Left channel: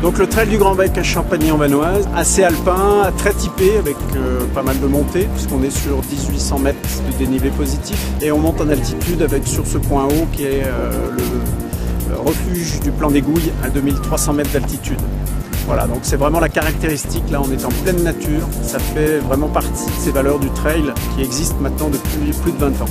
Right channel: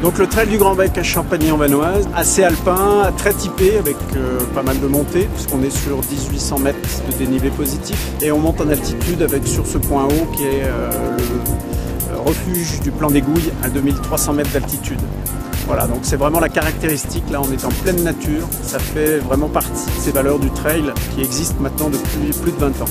Donc le trail du Grand Bec à Champagny-en-Vanoise, assez alpin, très typé avec pas mal de montées puisqu'on est sur 1800 mètres de dénivelé positif et on monte en altitude avec sur ce point haut qui est le refuge du plan des Gouilles à 2300 mètres d'altitude. Voilà, donc c'est vraiment la caractéristique, là on est en pleine nature, ça fait vraiment partie de ces valeurs du trail qui existent maintenant depuis plus de 20 ans.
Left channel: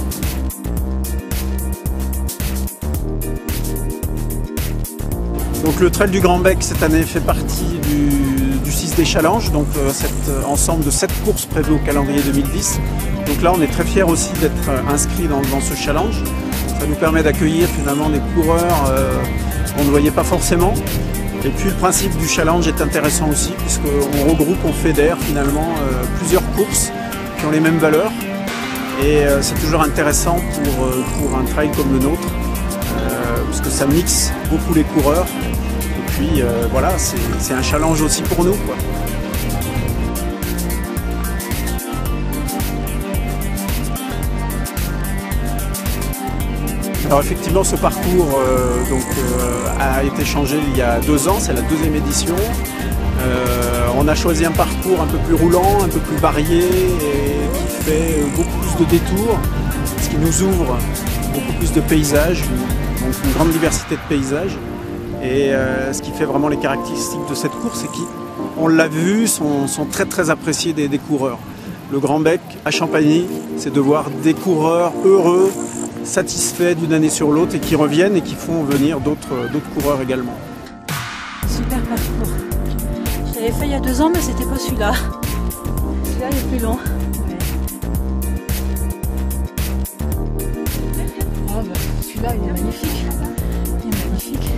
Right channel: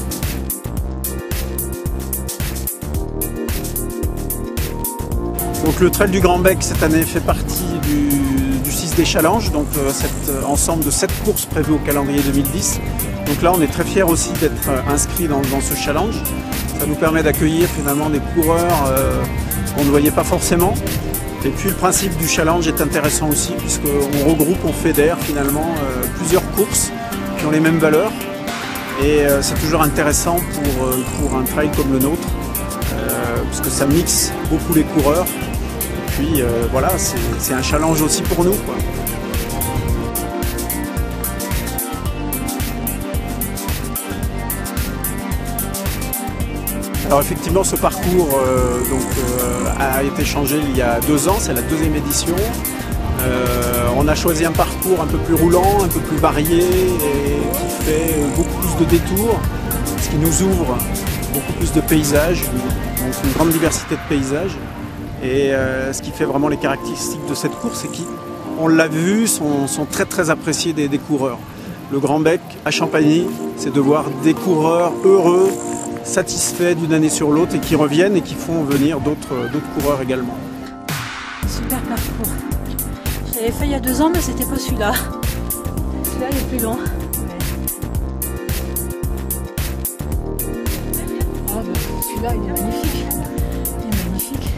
Donc le trail du Grand Bec cette année fait partie du 6D Challenge, donc cet ensemble de 7 courses prévues au calendrier 2010. Donc là on est très fiers aussi d'être inscrits dans ce challenge. Ça nous permet d'accueillir finalement des coureurs qu'on ne voyait pas forcément. Et puis le principe du challenge est intéressant aussi puisqu'on regroupe, on fédère finalement plusieurs courses qui ont les mêmes valeurs. Et c'est toujours intéressant pour un trail comme le nôtre, puisque ça mixe beaucoup les coureurs. Et puis voilà, c'est un challenge aussi pour nous, quoi. Alors effectivement, ce parcours a été changé il y a 2 ans, c'est la 2e édition. On a choisi un parcours un peu plus roulant, un peu plus varié et qui fait beaucoup plus de détours, ce qui nous ouvre beaucoup plus de paysages, donc une grande diversité de paysages. Et ce qui fait vraiment les caractéristiques de cette course, c'est qu'on l'a vu, sont très très appréciés des coureurs. Le Grand Bec à Champagny, c'est de voir des coureurs heureux, satisfaits d'une année sur l'autre et qui reviennent et qui font venir d'autres coureurs également. Super parcours. Je l'avais fait il y a 2 ans, mais c'était pas celui-là. Celui-là il est plus long. Oh, bah, celui-là il est magnifique. Il est magnifique.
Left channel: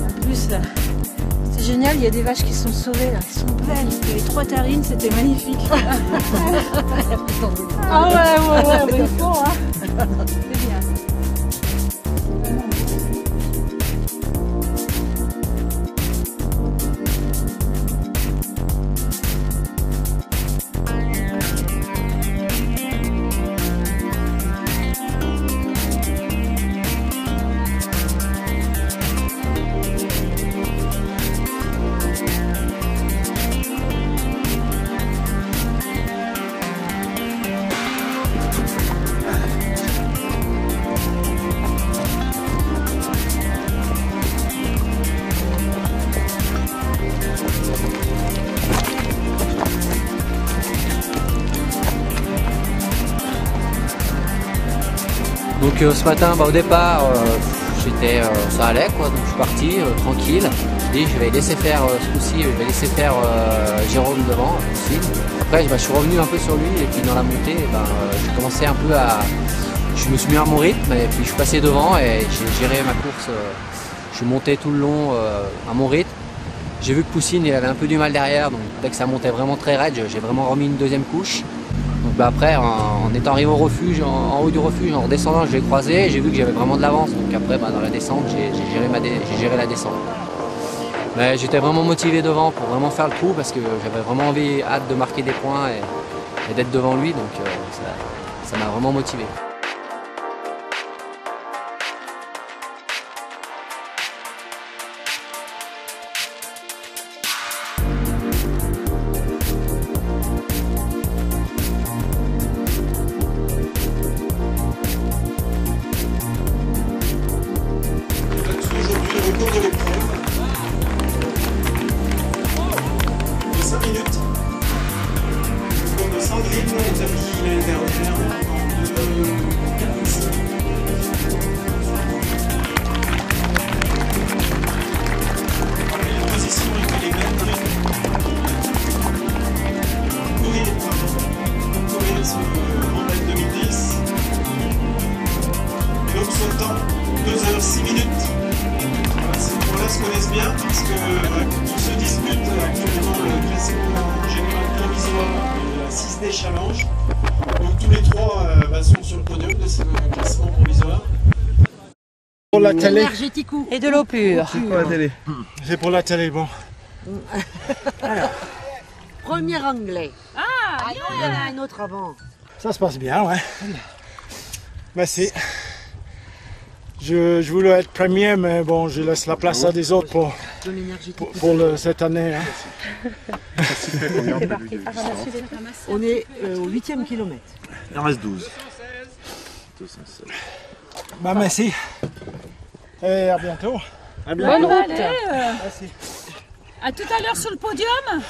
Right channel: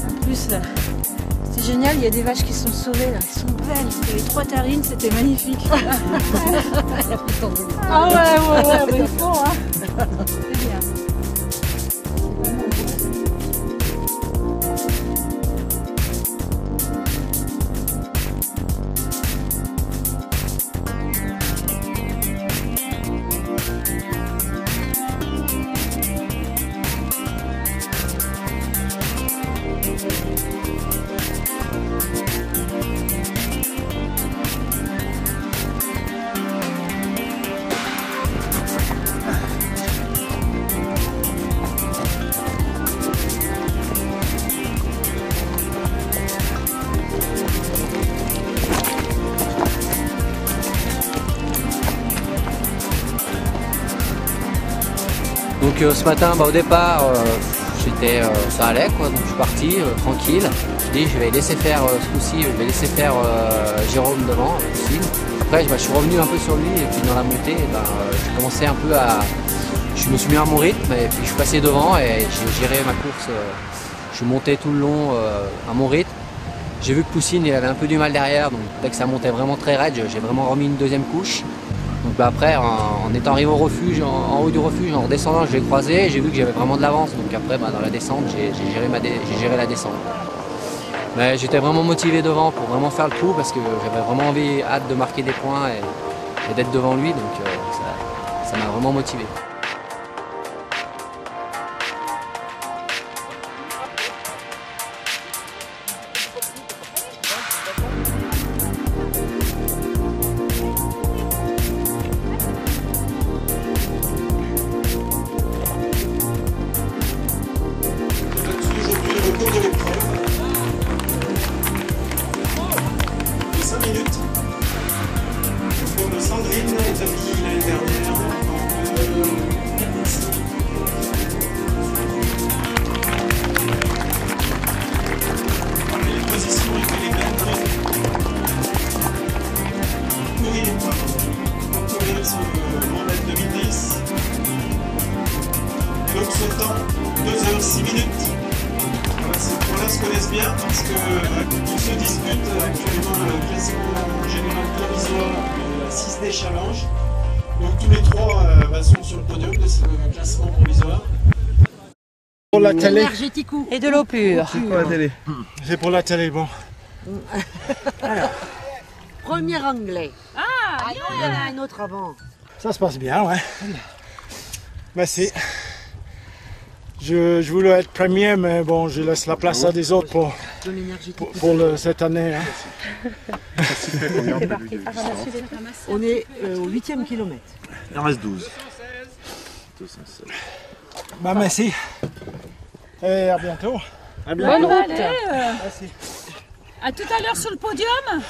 En plus, c'est génial, il y a des vaches qui sont sauvées là. Elles sont belles. Les 3 terrines, c'était magnifique. Ah ouais, mais il faut, hein. C'est bien. Donc ce matin, au départ, ça allait quoi, donc je suis parti tranquille. Je dis je vais laisser faire ce coup-ci, je vais laisser faire Jérôme devant, Poussine. Après je suis revenu un peu sur lui et puis dans la montée, j'ai commencé un peu je me suis mis à mon rythme et puis je suis passé devant et j'ai géré ma course. Je suis monté tout le long à mon rythme. J'ai vu que Poussine il avait un peu du mal derrière, donc dès que ça montait vraiment très raide, j'ai vraiment remis une 2e couche. Donc après, en étant arrivé au refuge, en haut du refuge, en redescendant, je l'ai croisé et j'ai vu que j'avais vraiment de l'avance. Donc après, dans la descente, j'ai géré la descente. Mais j'étais vraiment motivé devant pour vraiment faire le coup parce que j'avais vraiment hâte de marquer des points et d'être devant lui. Donc ça m'a vraiment motivé. Le cours de l'épreuve de 5 minutes. Le cours de Sandrine, établi l'année dernière en 2,45. Les positions étaient les mêmes. Courir ce Grand Bec 2010. Et donc son temps, 2 h 6 minutes. Ces points-là se connaissent bien parce qu'ils se disputent actuellement le classement général provisoire de la 6D Challenge. Donc tous les 3 sont sur le podium de ce classement provisoire. Pour la télé. Et de l'eau pure. C'est pour la télé. C'est pour la télé, bon. Alors, premier anglais. Ah, il y en a un autre avant. Ça se passe bien, ouais. Merci. Je voulais être premier, mais bon, je laisse la place à des autres pour cette année. Hein. On est au 8e kilomètre. Il en reste 12. Bah, merci. Et à bientôt. Bonne route. Merci. À tout à l'heure sur le podium.